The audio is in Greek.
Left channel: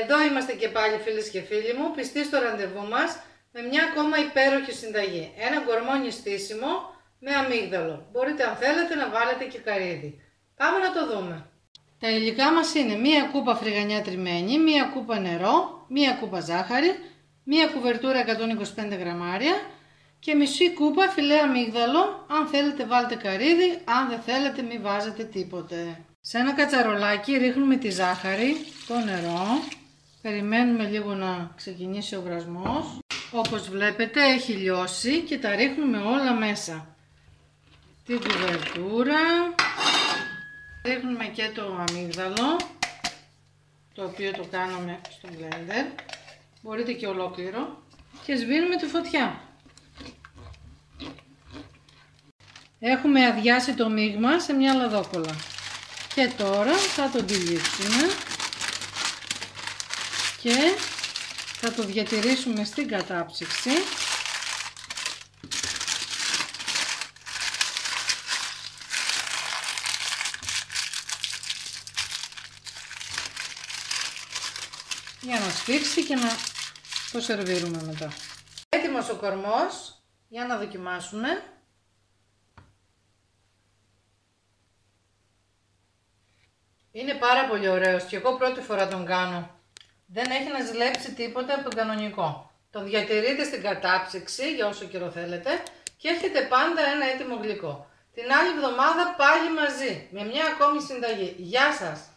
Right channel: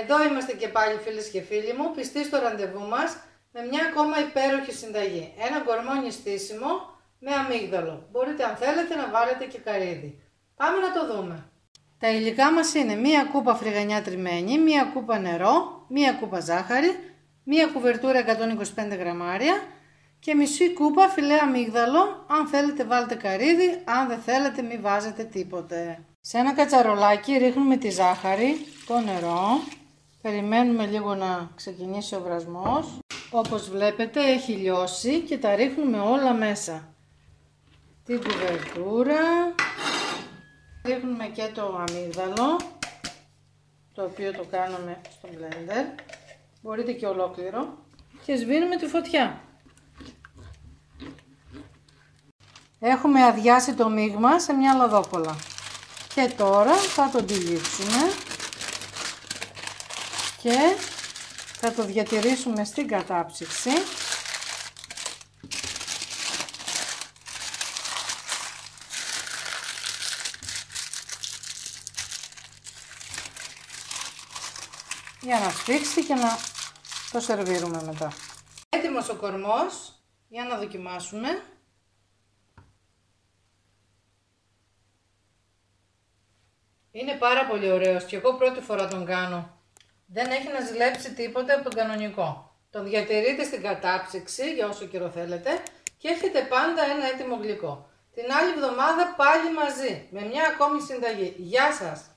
Εδώ είμαστε και πάλι φίλες και φίλοι μου, πιστοί στο ραντεβού μας με μια ακόμα υπέροχη συνταγή. Ένα γκορμόνι στήσιμο με αμύγδαλο. Μπορείτε αν θέλετε να βάλετε και καρύδι. Πάμε να το δούμε. Τα υλικά μας είναι μία κούπα φρυγανιά τριμμένη, μία κούπα νερό, μία κούπα ζάχαρη, μία κουβερτούρα 125 γραμμάρια και μισή κούπα φιλέ αμύγδαλο. Αν θέλετε βάλτε καρύδι, αν δεν θέλετε μην βάζετε τίποτε. Σε ένα κατσαρολάκι ρίχνουμε τη ζάχαρη, το νερό, περιμένουμε λίγο να ξεκινήσει ο βρασμός. Όπως βλέπετε έχει λιώσει και τα ρίχνουμε όλα μέσα. Την κουβερτούρα, ρίχνουμε και το αμύγδαλο, το οποίο το κάναμε στο blender, μπορείτε και ολόκληρο, και σβήνουμε τη φωτιά. Έχουμε αδειάσει το μείγμα σε μια λαδόκολλα και τώρα θα το τυλίξουμε και θα το διατηρήσουμε στην κατάψυξη. Για να σφίξει και να το σερβίρουμε μετά. Έτοιμος ο κορμός, για να δοκιμάσουμε. Είναι πάρα πολύ ωραίος και εγώ πρώτη φορά τον κάνω. Δεν έχει να ζηλέψει τίποτε από τον κανονικό. Τον διατηρείτε στην κατάψυξη για όσο καιρό θέλετε και έχετε πάντα ένα έτοιμο γλυκό. Την άλλη εβδομάδα πάλι μαζί με μια ακόμη συνταγή. Γεια σας!